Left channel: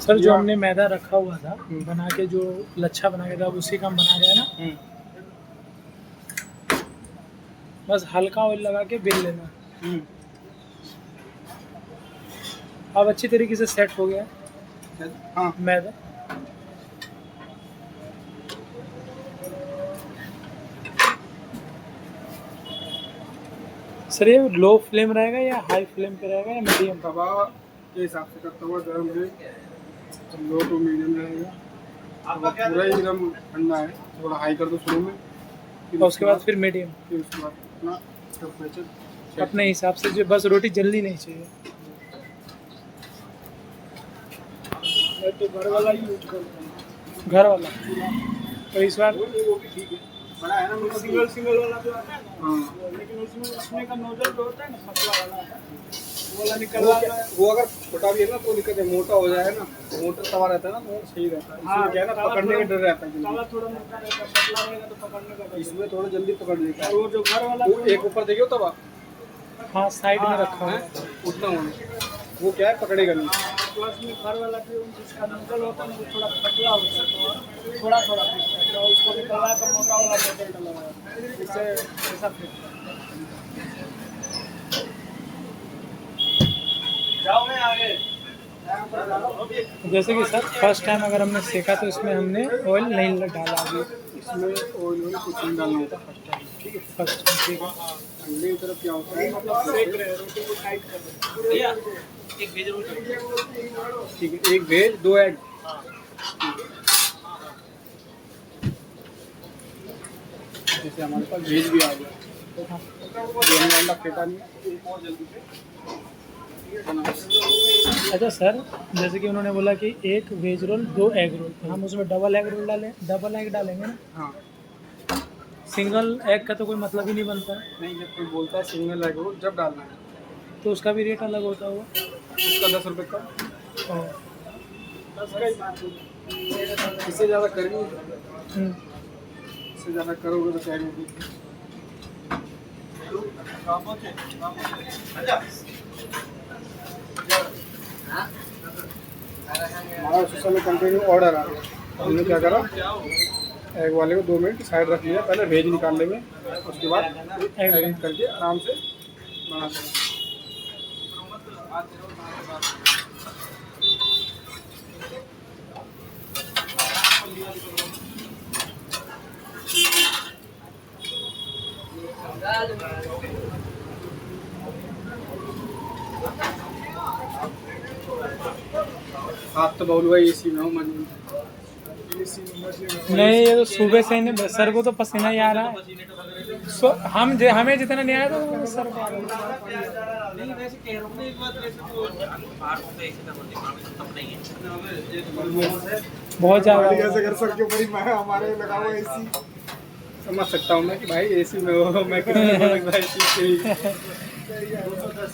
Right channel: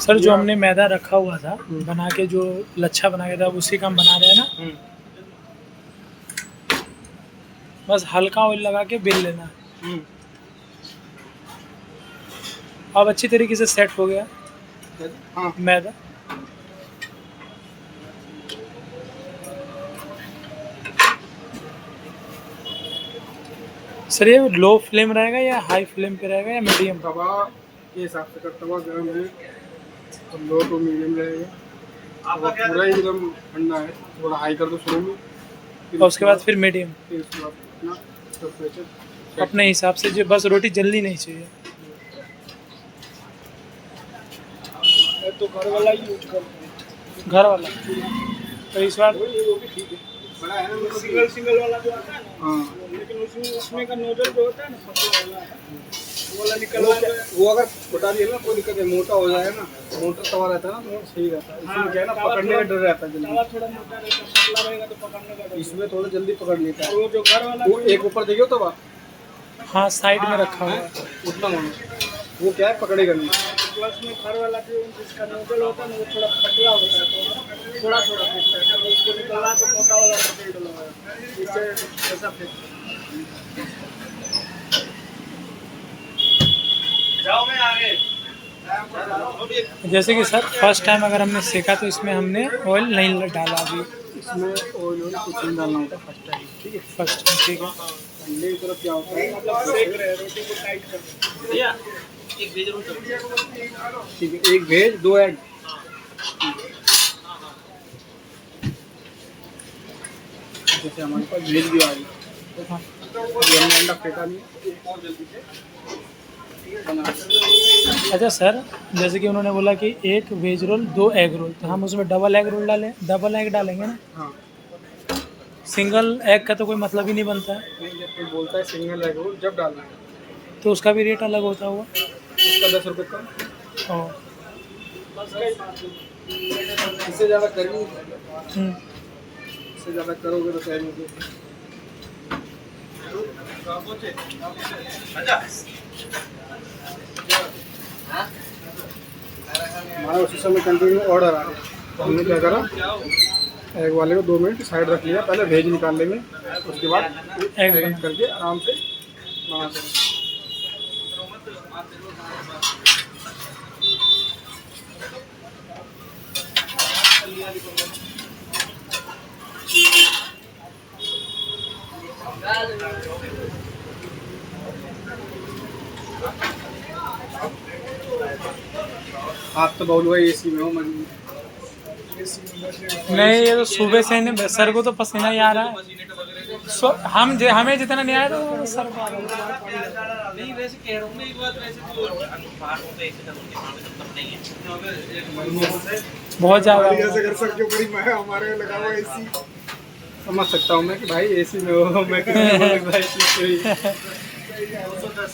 Sir जो हमने मैदा रखा हुआ था बना के, जो लच्छा बना के था, अब उसी का हम बना रहे हैं ना। बस हल्का ऑयल लगा के बेल लेना। अब अच्छी तरीके से सेट हो गया। हाँ मैदा सर ये लो फ्लेम रहेगा या हाई फ्लेम पे रहेगा या मीडियम? तवा के हिसाब से कर, तवा गर्म है तो लो टू मीडियम रहेगा। तवा पूरा ही एकदम ठंडा है, थोड़ा हाई कर दो शुरू में, और उसके बाद फिर मीडियम। फिर उसके बाद अपना टेम्परेचर अपने हिसाब से, जो बस रोटी जल्दी नहीं चाहिए। मैं तो घर वाला ही यूज करता हूँ। घर वाला तो इस बार वो भी ठीक है, बड़ा है ना, सिंगल वाला जो आता है ना। हाँ, लेकिन उसमें का नोजल जो होता है ना, पतला वाला, वो वाला निकल रहा है। वो अगर छोटा भी है ना कोई दिक्कत है, मोटा हो जाए ना, मोटा तवा रहता है ना तो सही रहता है। इसमें क्या है ना, पकड़ने का डर रहता है, तवा थोड़ा मोटा रहता है, पतला रहेगा तो पकड़ने का डर। इसमें थोड़ा जल्दी पकड़ लेता है। वो जो घर वाला, वो एक ऊपर देखियो तवा, हाँ साइड में रखा हुआ है, उतना होना, वो क्या है पकड़ेगा नहीं। प्लस में घर वाला जो जिसका नोजल होता है ना, वो थोड़ा पतला होता है, तो थोड़ा थोड़ा फिटता है, तो उसको निकलवा तो मोटा वाला नोजल डलवा, इससे ऐसा फिटता है। जाओ मैं आगे। जैसे कि सर फर्स्ट टाइम अगर हमने सेका तो इसमें हमने ऑयल नहीं डाला अभी। इसमें ऑयल कुछ नहीं डालना होता फर्स्ट टाइम, ठीक है। फर्स्ट टाइम ठीक है। अंडे की तरफ क्या होता है, मतलब सेक रहे हैं, रोटी को टाइट कर रहे हैं। एक वेज रोटी, ठीक है, एक वेज 2 एग। जैसे हमारे पास वेज भी आ गया, ये हमने अंडा फेंटा नहीं, एक और जल्दी से बना। अच्छा सर, जैसे कि उन्होंने बोला कि एक वेज रोल 2 एग रोल, तो हम उसमें डबल एग रोल डालें, डबल एग डालेंगे ना? हाँ, सिंगल एग का तो कोई मतलब ही नहीं बनता है। नहीं, जब कोई बोलता है सिंगल एग रोल जब डालना है, तो उसका भी रेट अलग होता होगा? उसका 10 रुपये का। और इससे ज़्यादा कर भी नहीं सकते, इससे ज़्यादा करोगे तो टाइम होगी। हमारा उसी समय कंटिन्यू ऑर्डर आ गया, तो हमने क्या करा, एग वाले को 2 मिनट साइड रख लिया, पहले वेज निकाल लेंगे, उसके बाद एग करके आराम से बनाते हैं। आप तो बोल भाई एसी में हो, मन नहीं, ये तो सुबह से नहीं, सर को तो पसीना ही आ रहा है। हमें जितना नहीं आया तो सर को आ रहा है। नहीं वैसे कह रहा हूँ मैं एक बात, वैसे तो अनुसार होता है इसी तरह तब नहीं है बहुत ज़्यादा। ऐसे कर सकते हो, बड़ी मैं हमारे लगा हुआ एसी, समझ सकता हूँ मैं कि भाई एसी में हो, मैं किसी को बोलूँ भाई एसी से ही। 210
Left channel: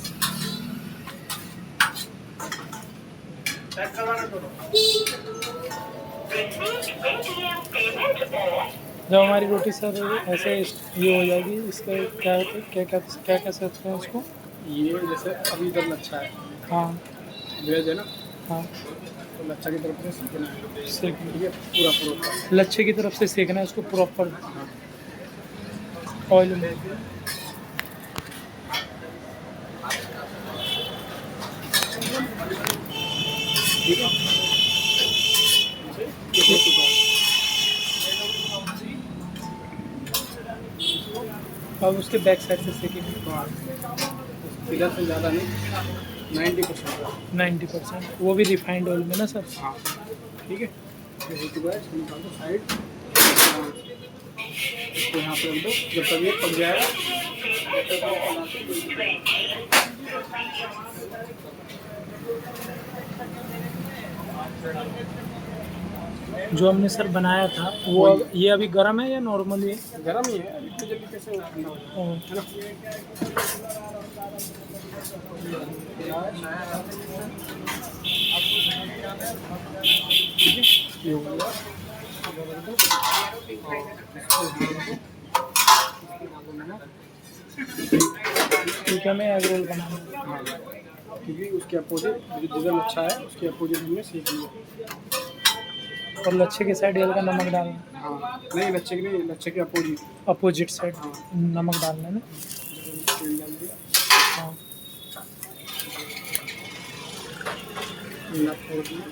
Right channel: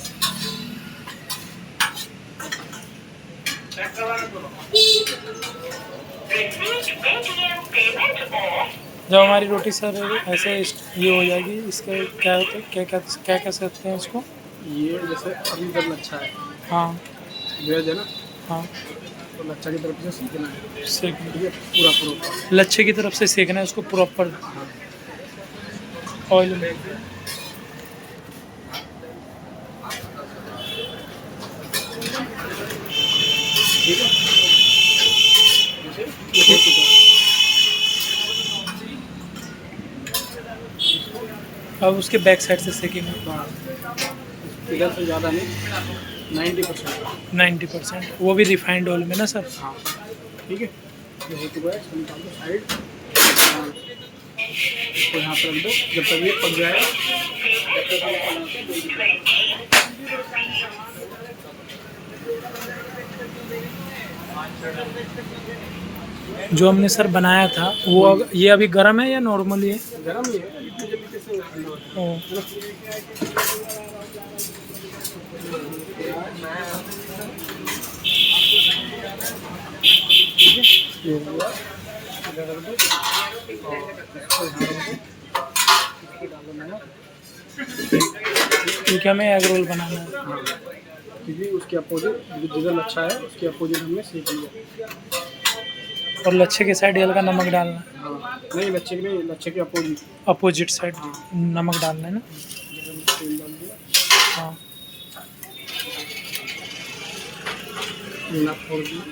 जब हमारी रोटी सर ऐसे ये हो जाएगी, इसका क्या होता है, क्या कह सकते हैं इसको? ये जैसे अभी तक लच्छा है, हाँ वेज है ना, हाँ, तो लच्छा की तरफ से सीखना है, सेक, ठीक है, पूरा पूरा लच्छे की तरफ से सेकना है उसको प्रॉपर ऑयल में। ठीक है, ये हो चुका है। अब उसके बैक साइड से सेकेंगे इधर से ज़्यादा नहीं, 90%। 90%, वो भी रिफाइंड ऑयल में ना सर? हाँ, ठीक है, ये हो चुका है, इसको निकाल दो साइड, इसको यहाँ पर रख दो, जब तक ये पक जाएगा। जो हमने सर बनाया था वो ये अभी गर्म है या नॉर्मली है? गरम ही है, इतनी जल्दी कैसे ठंडा हो जाएगा। ये हो गया, इधर रख दो, और इसको यहाँ रख दो, इसको डालो नमक। क्योंकि हमें एग रोल बनाना है। हाँ, क्योंकि उसके अपोजिट जिधर लच्छा है उसके अपोजिट हमने सेक लिया। और लच्छे के साइड हल्का नमक डालना है, हाँ नहीं लच्छे के नहीं, लच्छे के अपोजिट अपोजिट साइड नमक डालना है ना। तेल डाल दिया, हाँ नमक छोड़ दिया,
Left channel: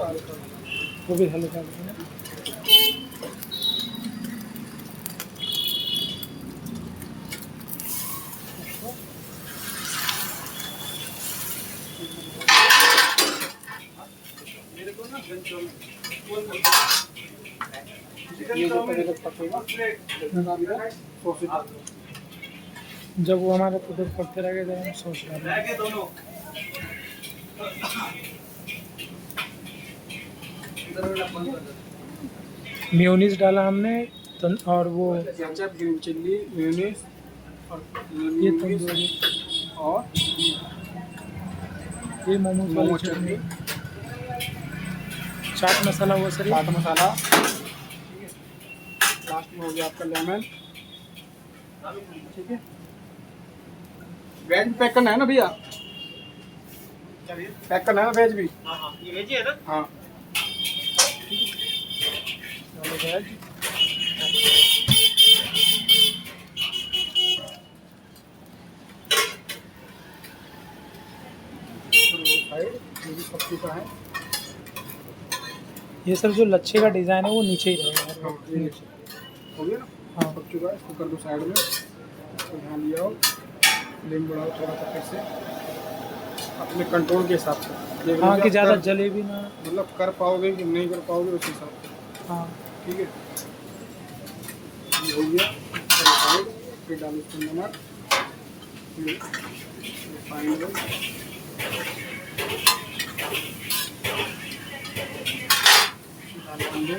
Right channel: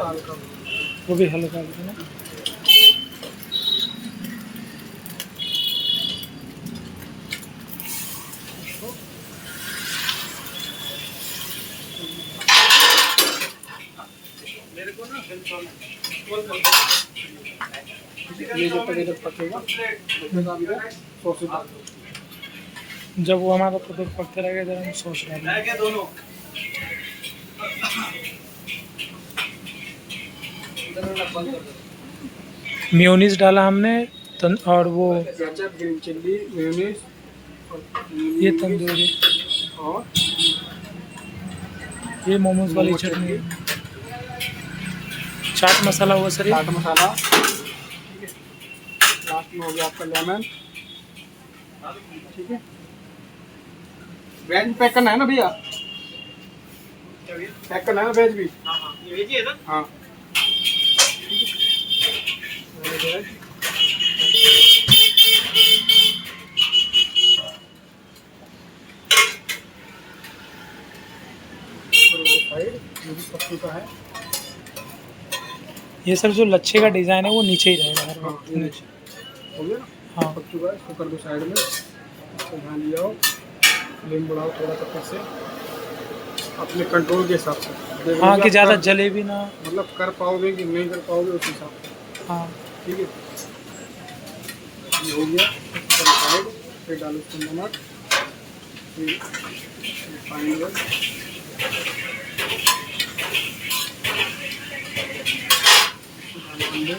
हल्का वो भी हल्का हल्का ना। ये जब तक इधर पकेगा तब तक अंदर सॉस डाल दो। जब वो हमारा उधर पकते रहेगा इधर हम सॉस डालेंगे। दोनों मेयोनीज डाला हमने और वो केचप, ग्रीन चिल्ली, मेयोनीज और ये तंदूरी, और ये मोमोज वाली चटनी, चाट मसाला हुआ सर ये। चाट मसाला, ठीक है। लास्ट में हो गया आपका लेमन, ठीक है। वेज पैक करना है ना भैया, पैक करना है ना वेज भी। ये भेजिए ना। हाँ वेज, साइड ये भी सब्जी का है। ये सर जो लच्छे का डिज़ाइन है वो नीचे ही रहेगा हर हाँ वक्त ये नीचे। हो गया ना, हाँ पक चुका है, इसको कर दो साइड में। इसको ध्यान लिया हो, फ्लेम बढ़ाओ थोड़ा सा फिर से अपने कंट्रोल के हिसाब से। देख हाँ लीजिए कि आप ज़्यादा कर- जले भी ना। मतलब कर पाओगे कि नहीं कर पाओगे उस हिसाब से, हाँ ठीक है। ये हो गया साइड, फिर डालो इसमें नमक, फिर रिफाइंड ऑयल, डालो अंडे,